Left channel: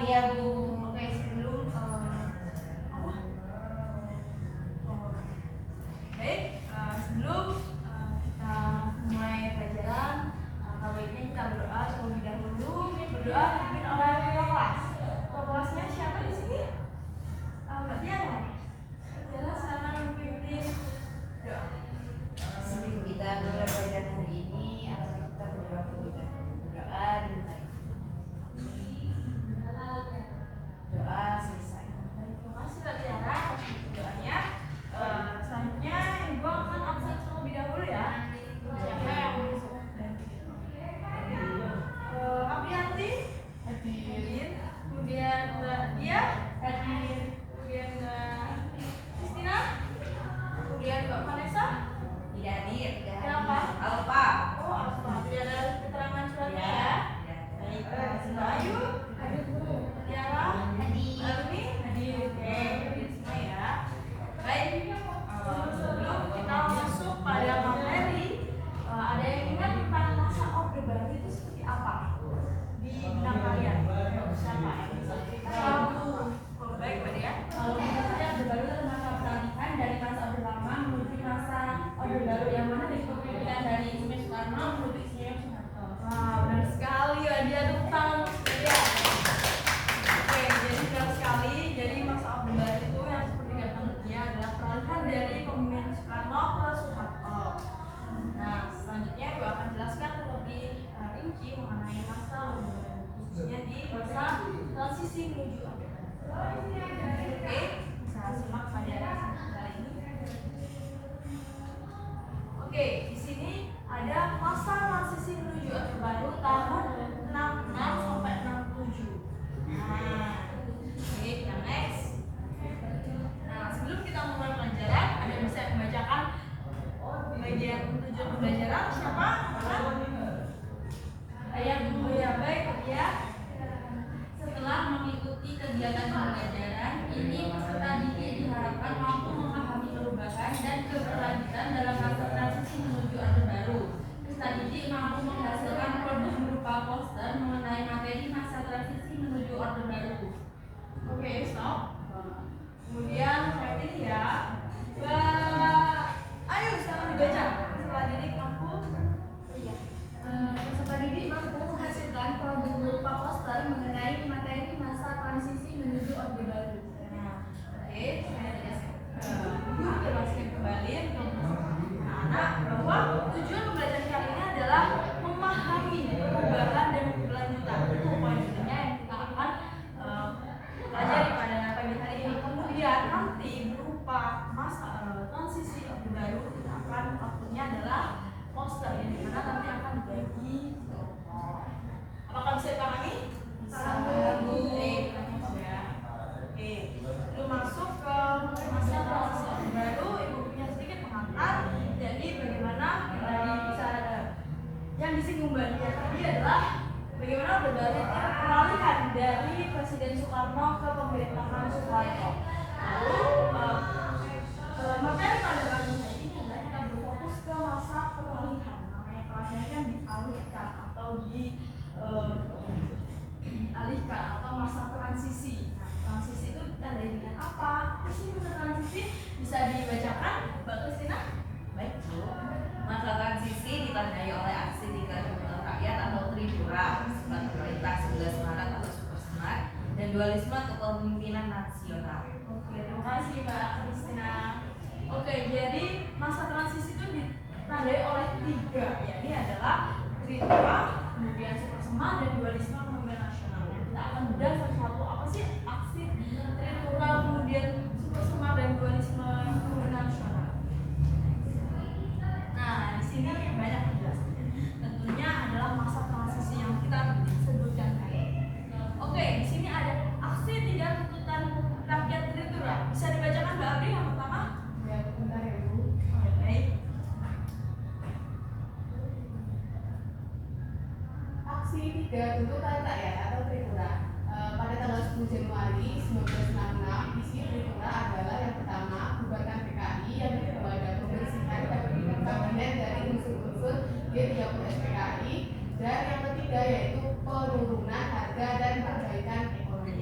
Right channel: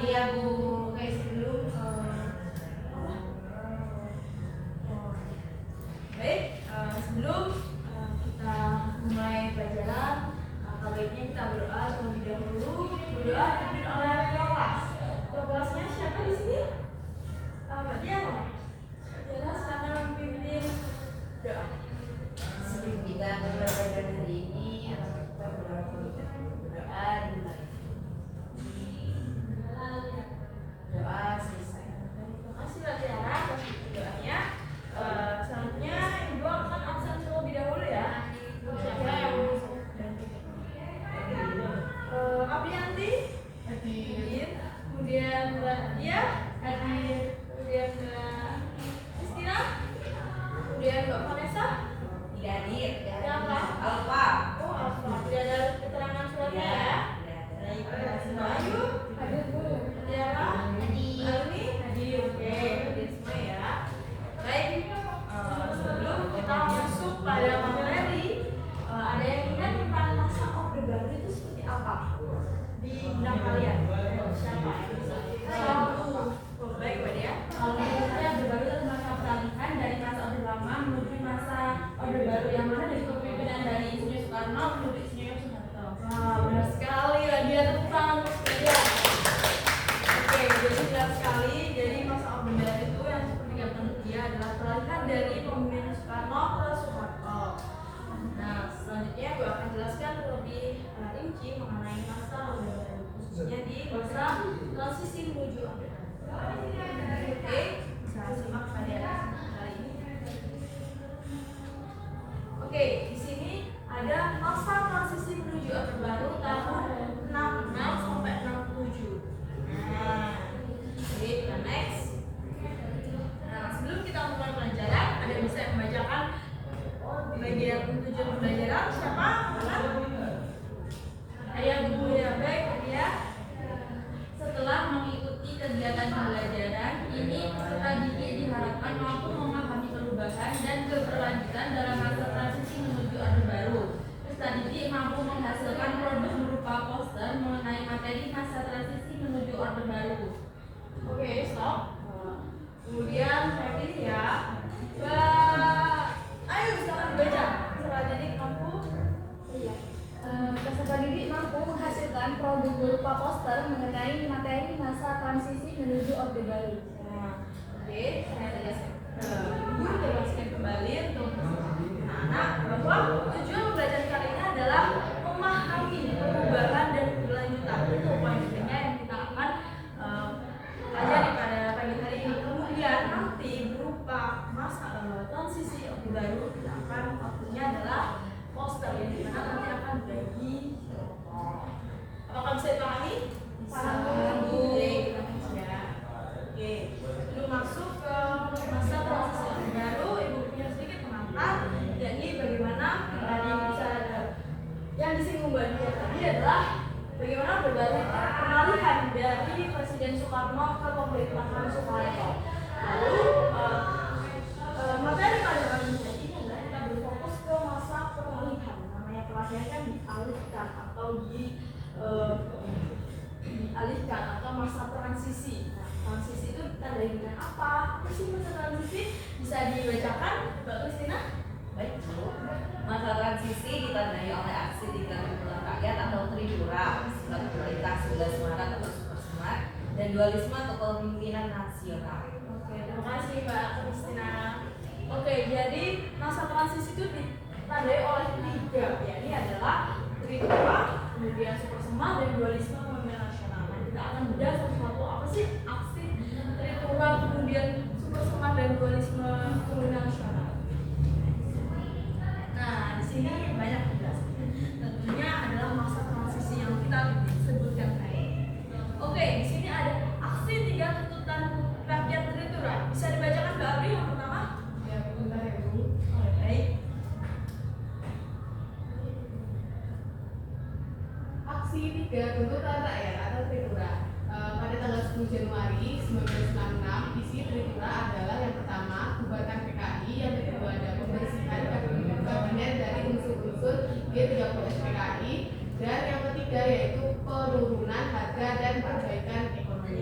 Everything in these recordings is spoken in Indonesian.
Iya Bu. Oke, sebelum sebelum kita mulai pelajaran, baiknya kita berdoa terlebih dahulu. Berdoa dipimpin oleh ketua kelas. Ketua kelasnya siapa di sini? Mbak Diana. Mbak Diana sana memimpin doa. Sebelum kita mulai belajar hari ini, atau kita berdoa terlebih dahulu. Berdoa dimulai. Doa selesai. Terima kasih Mbak Diana atas doanya. Selanjutnya Ibu akan absen terlebih dahulu ya. Siapa yang Aprianti hadir, kemudian Mbak Dia hadir, kemudian Mbak Kristina, kemudian Mbak Vanessa Tidak hadir. siapa? Alfa. Oh, Alfa. Tidak ada keterangan suratnya ya. Baik, Mbak Ayu hadir Bu. Tiara hadir. Aruni hadir. Oke, hadir semua ya. Baik, sebelum kita masuk pada materi, ada yang ingat tentang masa Orde Baru itu seperti apa di benak kalian? Siapa? Oh, baik Mbak Dia. Orde Baru adalah masa peralihan dari masa Orde Lama menuju masa Orde Baru yang mana dari kepemimpinan dari Insinyur Soekarno menuju Insinyur Soeharto. Wah, benar sekali Mbak Dia, tepuk tangan untuk kalian. Oke, jadi benar sekali. Jadi masa Orde Baru itu yang seperti kata dia adalah peralihan dari kepemimpinan Soekarno ke Soeharto. Nah, selanjutnya gue akan jelaskan lebih rinci mengenai masa Orde Baru, khususnya di masa transisi menuju Orde Baru. Oke, bisa simak pada kali ini. Oke, di sini ada masa transisi menuju Orde Baru tahun 66 sampai 67. Nah, oke, yang next. Nah, sebelum kita mulai pelajaran, ada yang bisa membacakan bagian tujuan pembelajaran siapa? Ayah Bu. Ya, baik ya. Setelah mengikuti kegiatan pembelajaran, ini peserta didik diharapkan mampu memahami perubahan dan keberlanjutan dalam masa transisi menuju Orde Baru. Peserta didik mampu menghasilkan produk berupa poster mengenai materi masa transisi menuju Orde Baru. Oke, stop. Kemudian ready ya. Mbak Ayo silakan dibaca. Setelah didik mampu. Iya. Peserta didik mampu menghasilkan produk berupa poster mengenai materi masa transisi menuju Orde Baru. Nah, oke, saya jelaskan kembali untuk anak bahwa tujuan pembelajaran kali ini adalah memahami perubahan dan keberlanjutan. Itu poin pentingnya yang kita akan pelajari pada pagi hari ini. Kemudian nanti berupa masa transisi Orde Baru kita akan waktunya adalah poster ini karena nanti akan bagi kelompok. Apakah bisa dipahami? Bisa. Oke, kita masuk ya. Oke, sebelum masuk ke masa transisi Orde Baru, Ibu punya sedikit pengantar. Jadi bagaimana dari bisa yang disinggung Mbak Dia tadi adalah bagaimana Orde Baru itu peralihan dari Presiden Soekarno ke pemerintahan Soeharto. Lalu materi pada pagi hari ini adalah kita berfokus ke masa peralihan. Namanya peralihan dialihkan atau dialihkan atau masa transisi. Nah, transisi itu ditandai dengan apa? Apa sih masa transisi? Bisa dibacakan, Mbak Kristina? Baik Bu. Masa transisi ditandai oleh aksi tindak pidana rakyat atau Tripura setelah pemerintah 11 Maret atau Supersmart dan dualisme kepemimpinan nasional. Oke, terima kasih Mbak Kristina. Oke, jadi masa transisi itu ditandai oleh 3, ya. Ini adalah Tripura, kemudian Supersmart dan dualisme kepemimpinan nasional. Nah, kita akan bedah satu-satu apa sih aksi Tripura, kemudian Supersmart dan dualisme kepemimpinan nasional. Nah, di sini banyak penjelasan. Tentunya adalah masa transisi yang kita sebutkan tadi. Oke, di sini ada aksi 3 tuntutan rakyat Tripura. Bisa dibacakan Mbak Abri yang pertama? Ya, bentar ya Bu. Baik. Aksi 3 tuntutan rakyat atau Tripura. Pada tanggal 10 Januari 1966, isi Tripura adalah yang pertama, bubarkan PKI, yang kedua ada pembersihan kabinet dari unsur-unsur G30 PKI, dan yang ketiga yaitu penurunan harga dan perbaikan ekonomi.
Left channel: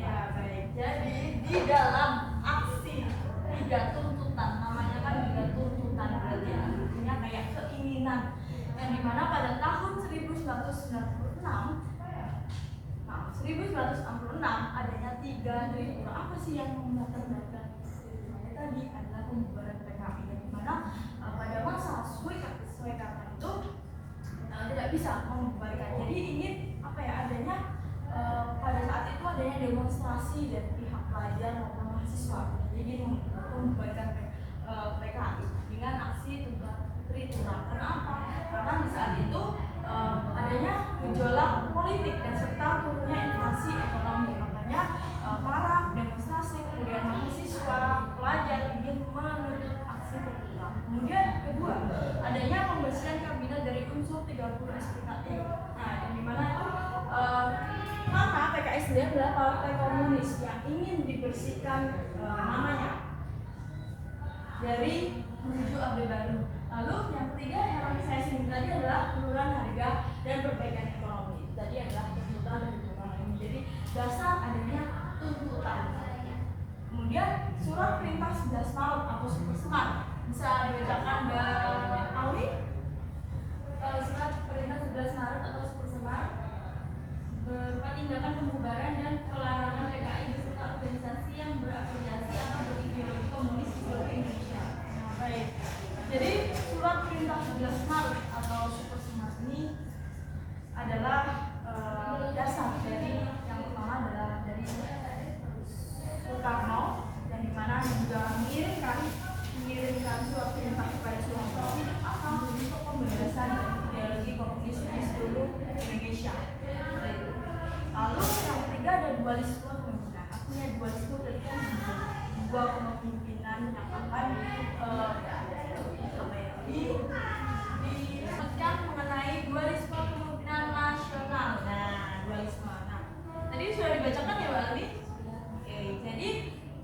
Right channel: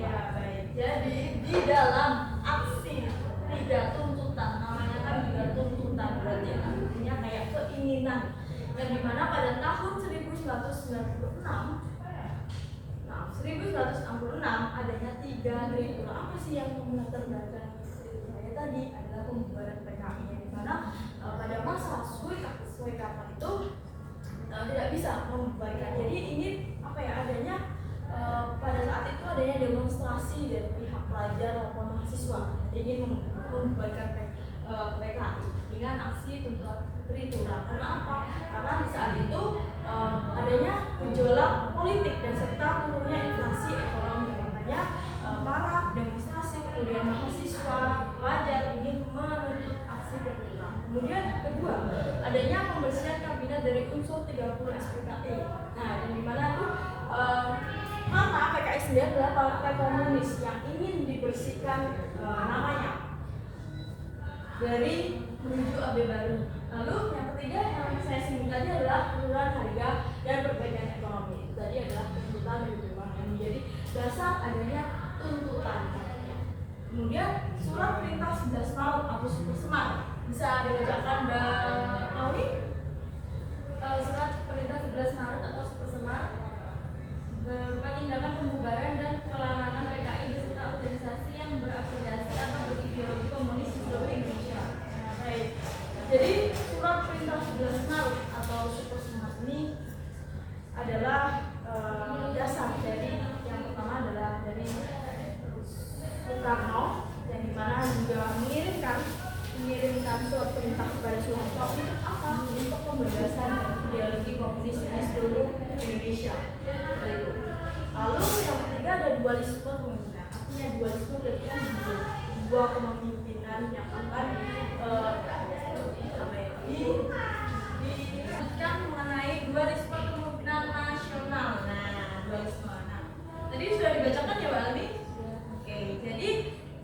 Jadi di dalam aksi tidak tuntutan, namanya kan juga tuntutan berarti artinya kayak keinginan. Dan dimana pada tahun 1966 adanya 3 tribunal. Apa sih yang melatar belakang saya tadi adalah pembubaran PKI, yang dimana pada masa Soekarno itu tidak bisa membubarkan. Jadi ingin apa ya, adanya pada saat itu adanya demonstrasi dari pihak pelajar maupun mahasiswa ingin membubarkan PKI dengan aksi tuntutan Tritulang. Kenapa? Karena di saat itu adanya gejolak politik dan serta turunnya inflasi ekonomi. Makanya para demonstrasi kemudian mahasiswa pelajar ingin menuntut aksi Tritulang. Kemudian kedua, adanya pembersihan kabinet dari unsur 30 SPKI. Nah, yang dimana itu maka PKI sendiri adalah partai komunis yang ingin dibersihkan namanya dari menuju Orde Baru. Lalu yang ketiga yang saya singgung tadi adalah penurunan harga dan perbaikan ekonomi. Itu tadi adalah tuntutan dari perubahan ini. Jadi dasar adanya tuntutan. Kemudian surat perintah 11 Maret atau Super Semar bisa dibacakan Awi. Surat perintah 11 Maret atau Super Semar berupa tindakan pembubaran dan pelarangan PKI beserta organisasi yang berafiliasi atau berideologi komunis di seluruh Indonesia. Nah, baik. Jadi surat perintah 11 Maret atau Super Semar ini adalah dasar dari yang pertama adalah dari Soekarno, yang dimana juga mengirimkan surat perintah kepada Soeharto untuk pembebasan ideologi komunis di seluruh Indonesia. Lalu yang ketiga ada dualisme kepemimpinan. Artinya dualisme berarti kan dua kepemimpinan yang akan disebutkan mengenai dualisme kepemimpinan nasional. Nah, dualisme. Nah, tadi sudah dibacakan ya Mbak Alwi? Oke, jadi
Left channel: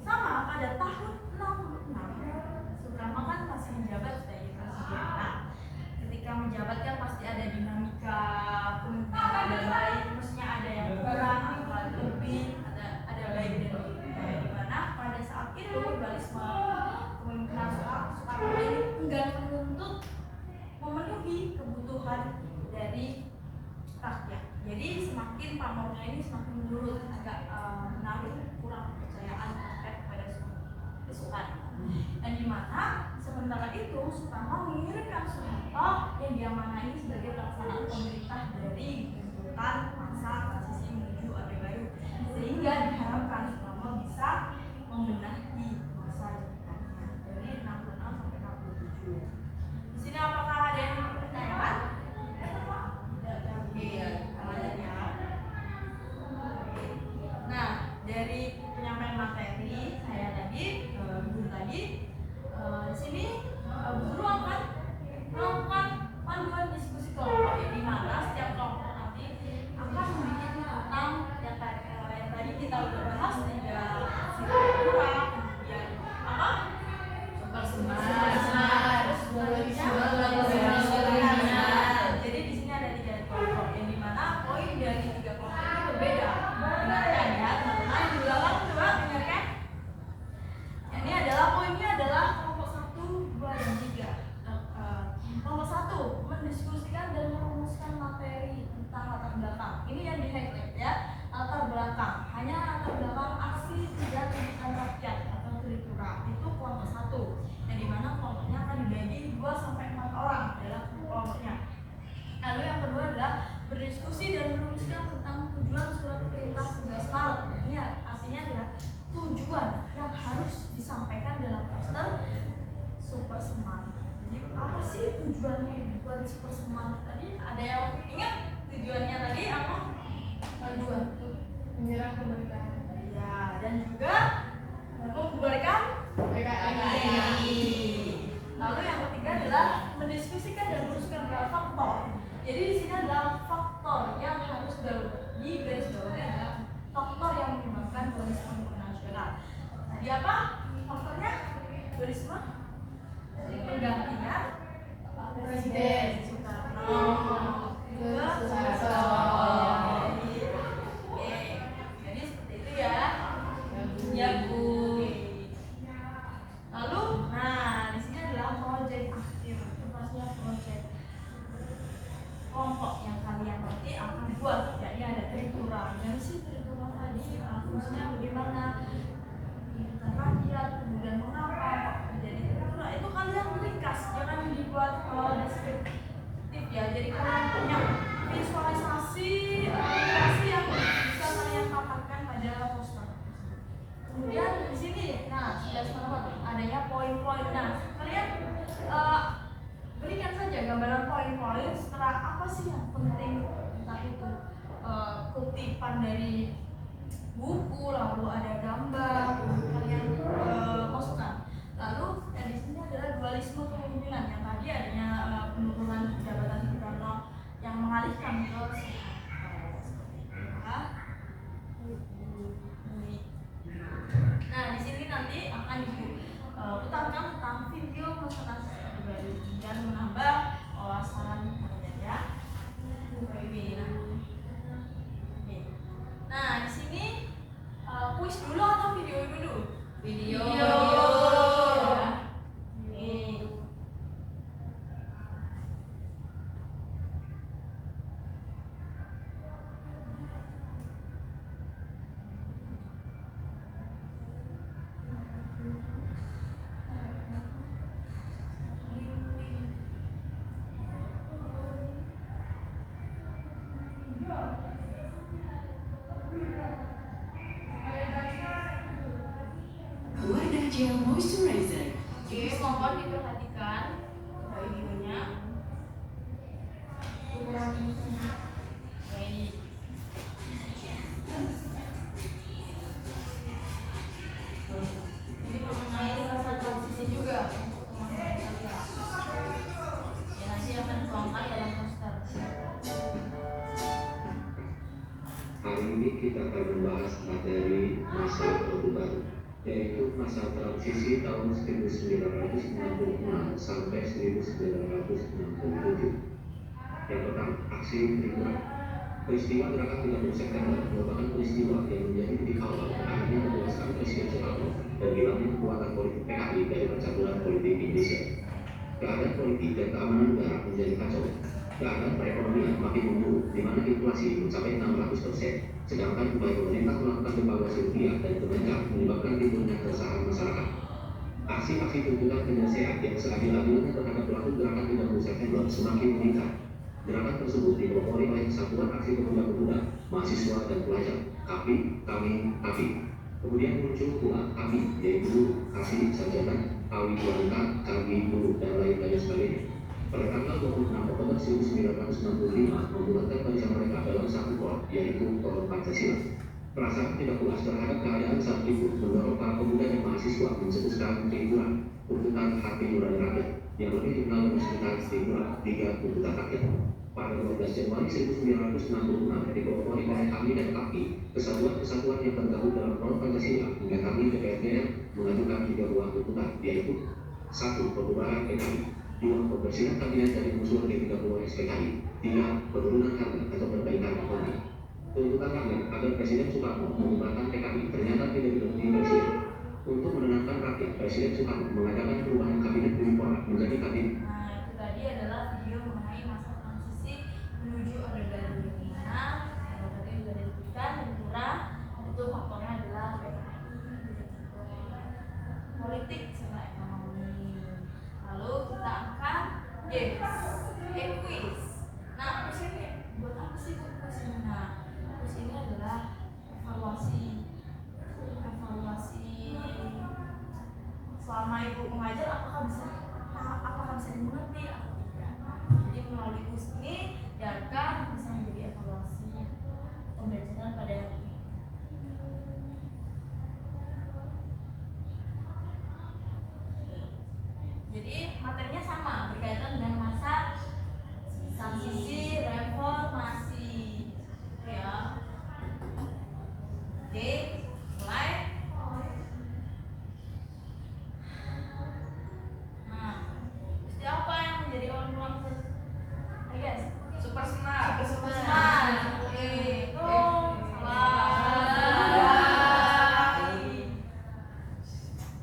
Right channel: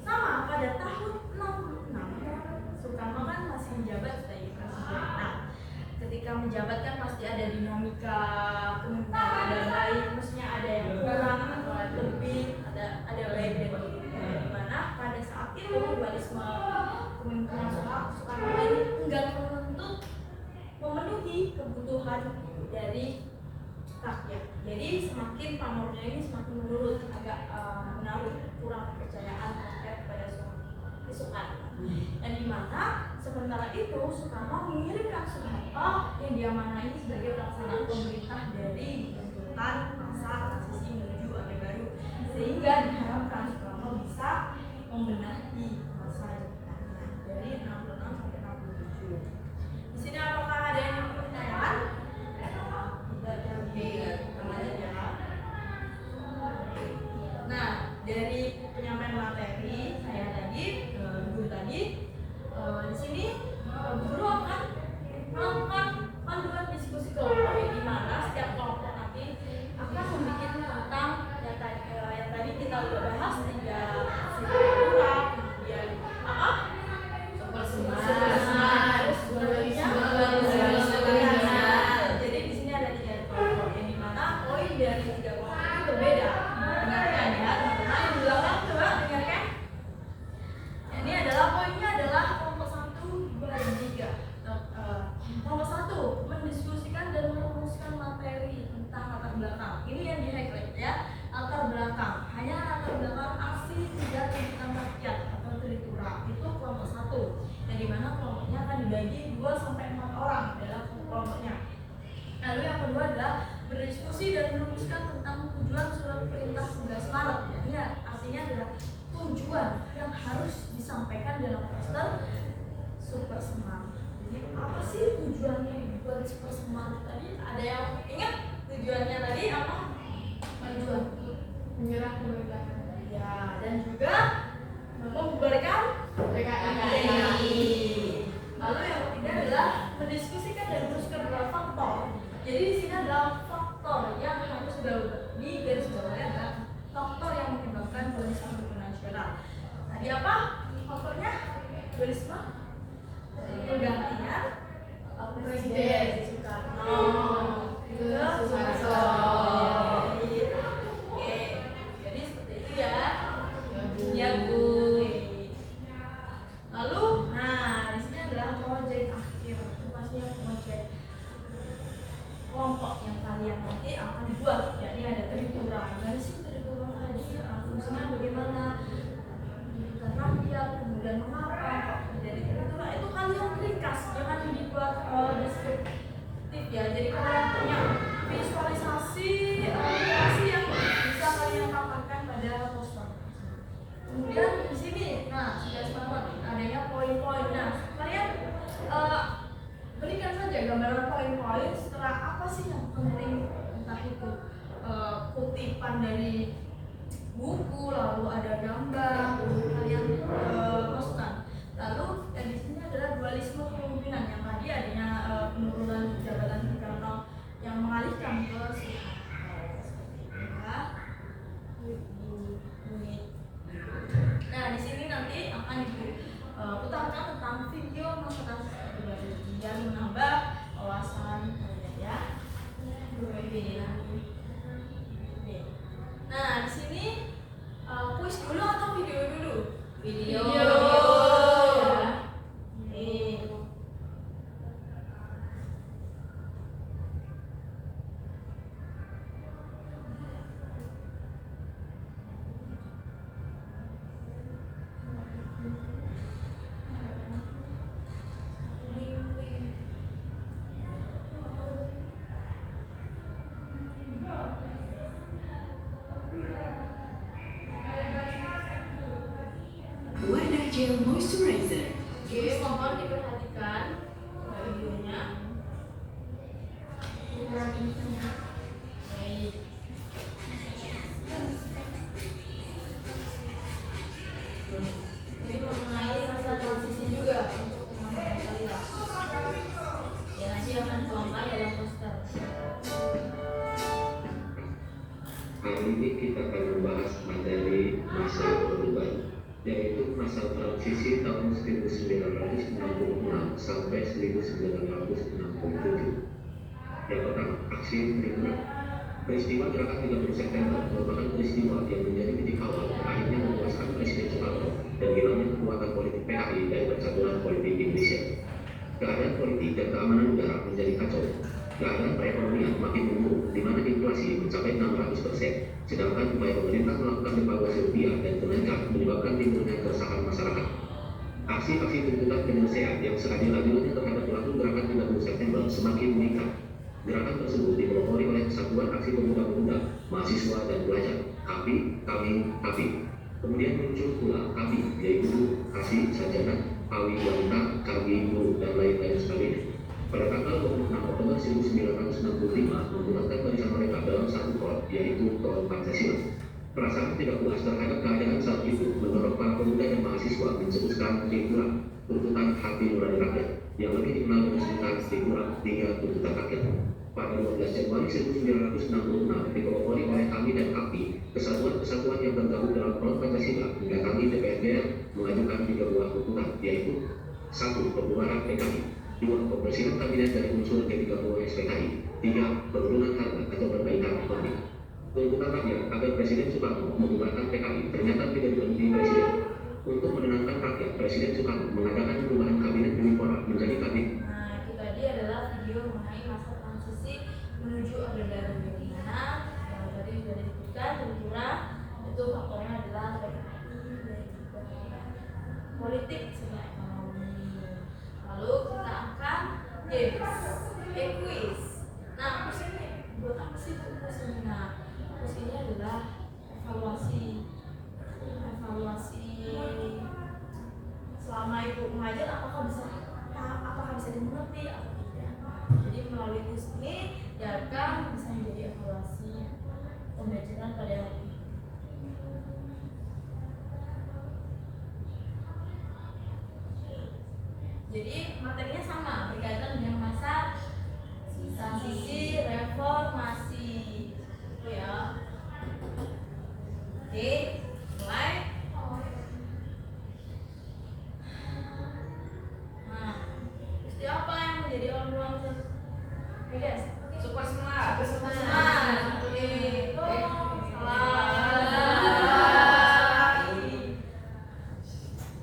sama pada tahun 66 Soekarno kan masih menjabat sebagai presiden. Nah, ketika menjabat kan pasti ada dinamika kemungkinan ada baik, maksudnya ada yang kurang atau ada lebih, ada baik dan buruk. Di mana pada saat itu dualisme kemungkinan Soekarno ini enggan menuntut memenuhi kebutuhan dari rakyat. Jadi semakin pamornya ini semakin menurun, agak menaruh kurang kepercayaan rakyat pada Soekarno. Dan di mana sementara itu Soekarno mengirimkan Soeharto yang diamanai sebagai pelaksana pemerintah dari tuntutan masa transisi menuju Orde Baru, sehingga diharapkan Soekarno bisa membenahi masa jabatannya dari 66 sampai 67. Di sini apakah ada yang ingin ditanyakan? Iya, teman-teman ya. Nah, dari penyampaian materi saya tadi, guru tadi, di sini guru akan melakukan panduan diskusi kelompok, di mana setiap kelompok nanti akan membuat tentang yang tadi kita udah bahas, 3 sifat, kemudian apa? Super semar, jadi di sini ada 3 kelompok, yang dimana poin dari 3 kelompok itu berbeda. Dengarkan ya teman-teman, di belakang coba dengarkan. Ini adalah poinnya adalah kelompok 1, 2, dan 3. Kelompok 1 mendiskusikan dan merumuskan materi tentang latar belakang. Ini yang di highlight ya, latar belakang. Hanya latar belakang aksi 3 tuntutan rakyat atau Tritulang. Itu kelompok 1. Yang dimana kelompoknya akan dibagi 2 sampai 4 orang dalam kelompoknya. Lalu yang kedua adalah berdiskusi dan merumuskan tentang tujuan surat perintah 11 Maret. Ini artinya adalah tujuan yang harus disampaikan dalam poster Super Semar. Jadi apa sih tujuannya buat Super Semar tadi? Ada yang ingat tujuannya tadi apa? Tujuan menyerah pemerintahan. Ya, dan juga membubarkan PKI. Lalu yang ketiga adalah mendiskusikan dan merumuskan beberapa faktor. Jadi di sini adalah faktor yang harus digarisbawahi adalah faktor yang menyebabkan dualisme nasional. Tadi apa faktornya? Dualisme penggantian Presiden Soekarno ke Soeharto. Oke, jadi seperti itu ya. kutipan dari buku, lalu ada gambar, kalian masukkan. Lalu yang di sini adalah dualisme kepemimpinan yang tadi adanya penurunan jabatan Bung yang mengalihkan ke Nah, di sini nanti akan diutamakan tentang video masakan pribadi dan menambah wawasan kalian ya. Nah, di sini kuis dulu atau video dulu? Video. Nih. Wadah gel moisturizer. Oke, mohon diperhatikan videonya. Baik. Jadi mengenai rasa transisi juga untuk teman-teman kalian. Ya, nanti akan tuangkan dalam poster. Hari ini kita akan membahas materi masa Orde Baru, yaitu masa transisi tahun 1966 sampai 1967. Yang pertama, aksi Tribunal. Peristiwa gerakan 30 September merupakan peristiwa yang menjadi titik awal berakhirnya kekuasaan Presiden Soekarno dan hilangnya kekuatan politik PKI dari Persatuan Politik Indonesia. Keadaan politik dan keamanan negara menjadi kacau. Keadaan perekonomian makin memburuk, di mana inflasi mencapai 600%, sedangkan upaya pemerintah melakukan devaluasi rupiah dan kenaikan menyebabkan timbulnya keresahan masyarakat. Aksi-aksi tuntutan penyelesaian yang seadil-adilnya terhadap pelaku gerakan 30 September semakin meningkat. Gerakan tersebut dipelopori oleh Kesatuan Aksi Pemuda-Pemuda, Mahasiswa dan Pelajar, KAPI, KAPI. Kemudian muncul pula KAPI, yaitu Kasih Sarjana, Pawi Wanita, Kami Guru, dan lain-lain sebagainya. Pada tanggal 26 Oktober 1965 membulatkan barisan mereka dalam satu kor, yaitu Kor Pancasila. Perasaan tidak puas terhadap keadaan saat itu mendorong para pemuda dan mahasiswa mencetuskan Timuran, tuntutan hati nurani rakyat, yang lebih dikenal dengan sebutan Timuran hingga tuntutan rakyat. Pada 12 Januari 1966 dipelopori oleh kami dan KAPI, kesatuan-kesatuan yang tergabung dalam Front Pancasila mendatangi DPR mengajukan 3 buah tuntutan, yaitu 1. Pembubaran PKI, 2. Pembersihan kabinet dari unsur G30 SPKI, 3. Penurunan harga atau perbaikan ekonomi. Tuntutan rakyat agar Presiden Soekarno membubarkan PKI ternyata tidak dipenuhi Presiden. Untuk menenangkan rakyat, Presiden Soekarno mengadakan perubahan kabinet Menpora menjadi kabinet. Nah, itu tadi adalah video mengenai masa transisi menuju Orde Baru di mana yang tadi sudah disebutkan tentunya itu faktornya adalah PKI dan juga politik serta ekonomi. Lalu kita akan quiz. Nah, quiz ini buat apa sih quiz ini? Nah, quiz ini adalah evaluasi selama ibu mengajar apakah bisa dimengerti atau tidak. Jadi melalui quiz ini diharapkan bisa menjadi evaluasi pembelajaran pada hari ini. Jadi materinya sama, berkaitan dengan masa transisi reformasi. Itu ya. Oke, mulai. Nah, apa yang menjadi orang-orang guys? Super smart. Itu salah.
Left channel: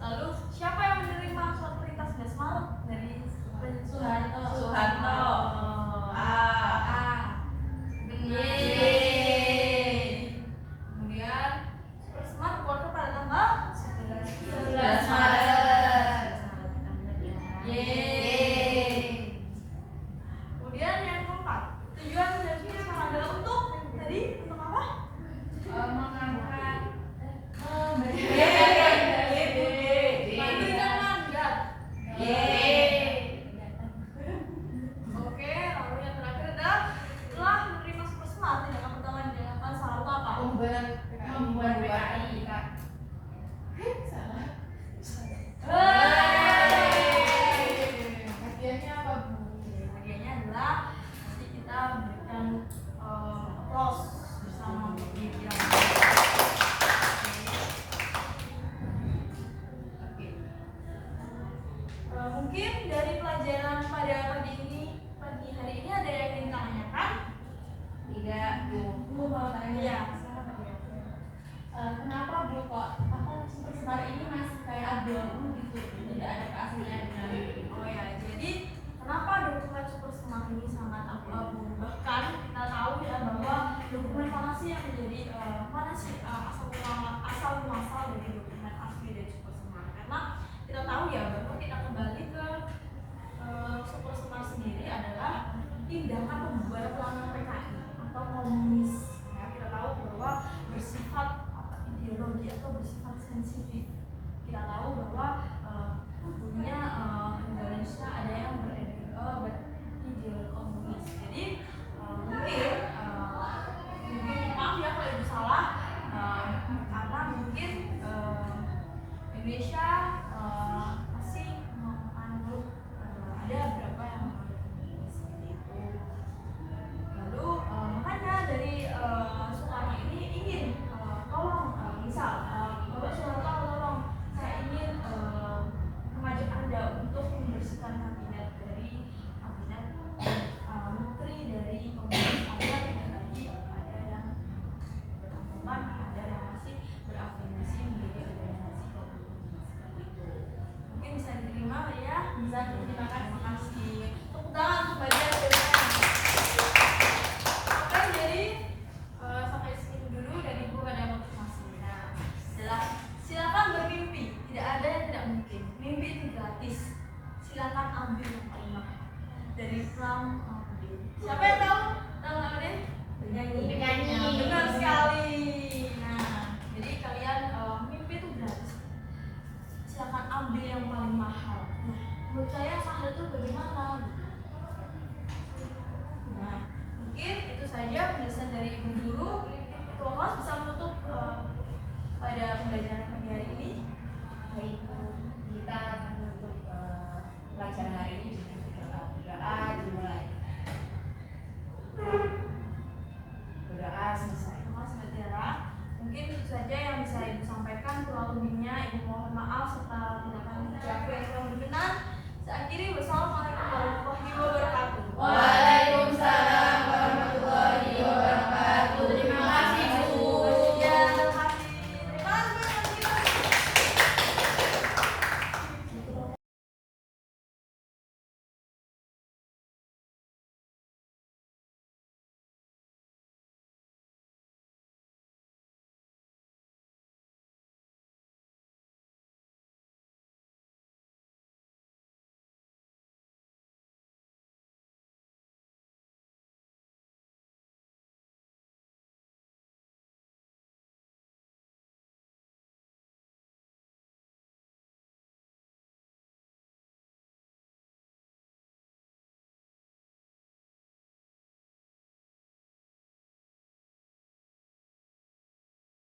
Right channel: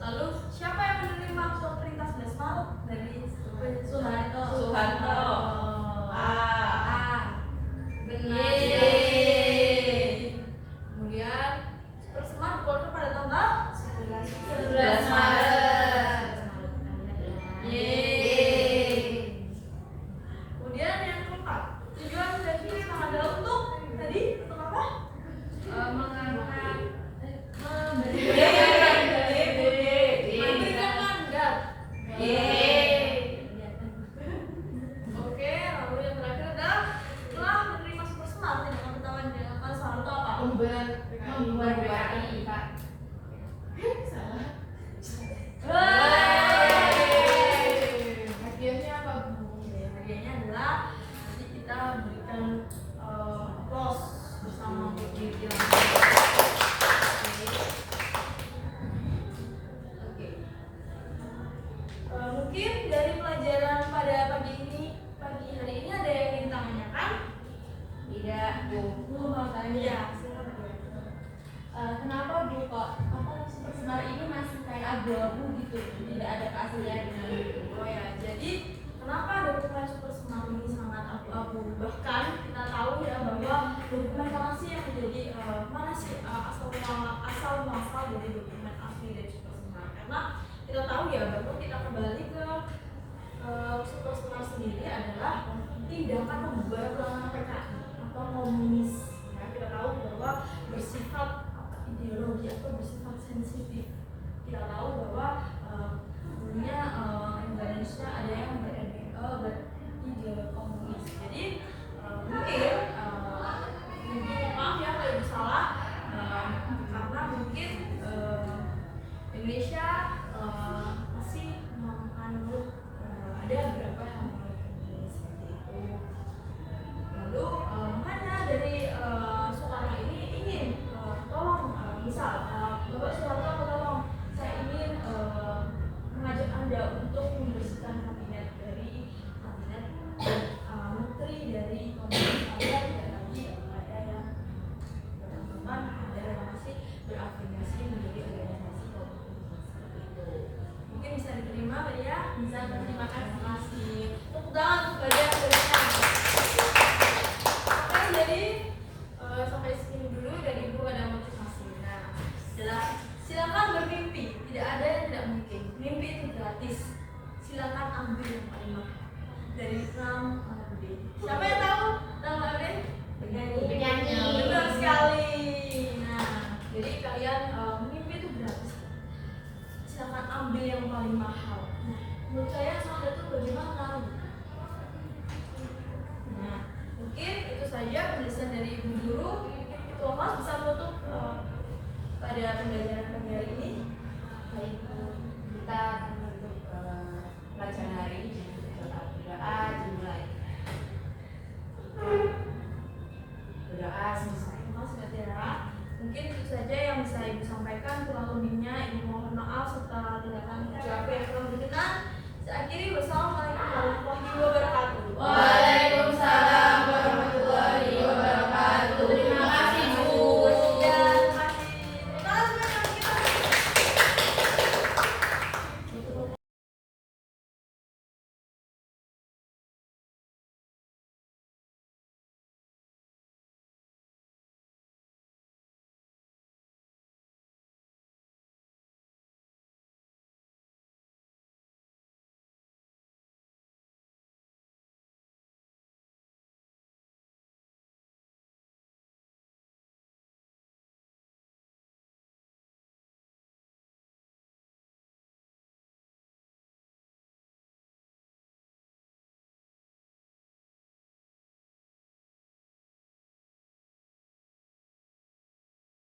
Lalu siapa yang menerima surat perintah 11 Maret membuat PKI. Salah. Hadiahnya apa, Bu? Hadiahnya adalah nanti kita berikan applause bersama Bu Dirjen. Oke. Mungkin dari pelajaran pada pagi hari ini ada yang ingin tanyakan? Tidak, Bu. Bu mau tanya. Iya, silakan Pak. Kenapa Bu kok super semar ini masih kayak abu-abu gitu, tidak ada keasliannya gitu? Oh ya, jadi kenapa dokumen super smart ini sangat abu-abu? Bahkan kita tahu ya bahwa dokumen mana sih yang menjadi mana sih asal muasal dari dokumen asli dari super smart? Karena kita tahu ya bahwa kita kembali ke super smart sendiri adalah tindakan pembubaran pelanggaran PKI atau komunis. Ya, kita tahu bahwa bersifat ideologi atau bersifat sensitif. Kita tahu bahwa dulunya Indonesia ada yang berideologi komunis. Jadi mungkin maaf ya kalau ibu salah, karena mungkin Indonesia masih menganut ada beberapa yang menganut komunis seperti itu. Lalu makanya dari Soekarno ini ingin tolong misal Bapak Soeharto tolong saya ingin mengajak Anda untuk membersihkan kabinet dari kabinet menteri dari komunis agar tidak lagi ada yang berteman, ada yang masih berafiliasi menjadi organisasi komunis seperti itu. Mungkin bisa diterima ya? Bisa, terima kasih. Tepuk tangan untuk bagian dari saya. Oke, jadi sampai sini dulu dari Bu ada motivasi. Nah, adalah silakan bermimpi, tidak ada yang tidak mungkin. Mimpi itu gratis. Silakan ambil yang paling mahal. Dari Islam Abdin. Siapa yang tahu nama Abdin? Penyanyi. Benar sekali. Nah, jadi kalian mimpi itu gratis. Silakan ambil yang paling mahal. Nah, menurut saya yang mahal itu bagaimana? Nah, mungkin itu saja penjelasan dari Ibu Guru. Thomas bisa menutup pada pembelajaran pagi hari ini. Baik, Bu. Kita akan menutup pelajaran hari ini dengan berdoa dimulai. Berdoa selesai. Thomas Gatera. Mungkin itu saja yang bisa Ibu sampaikan. Kurang lebihnya Ibu mohon maaf serta tindakan ucapan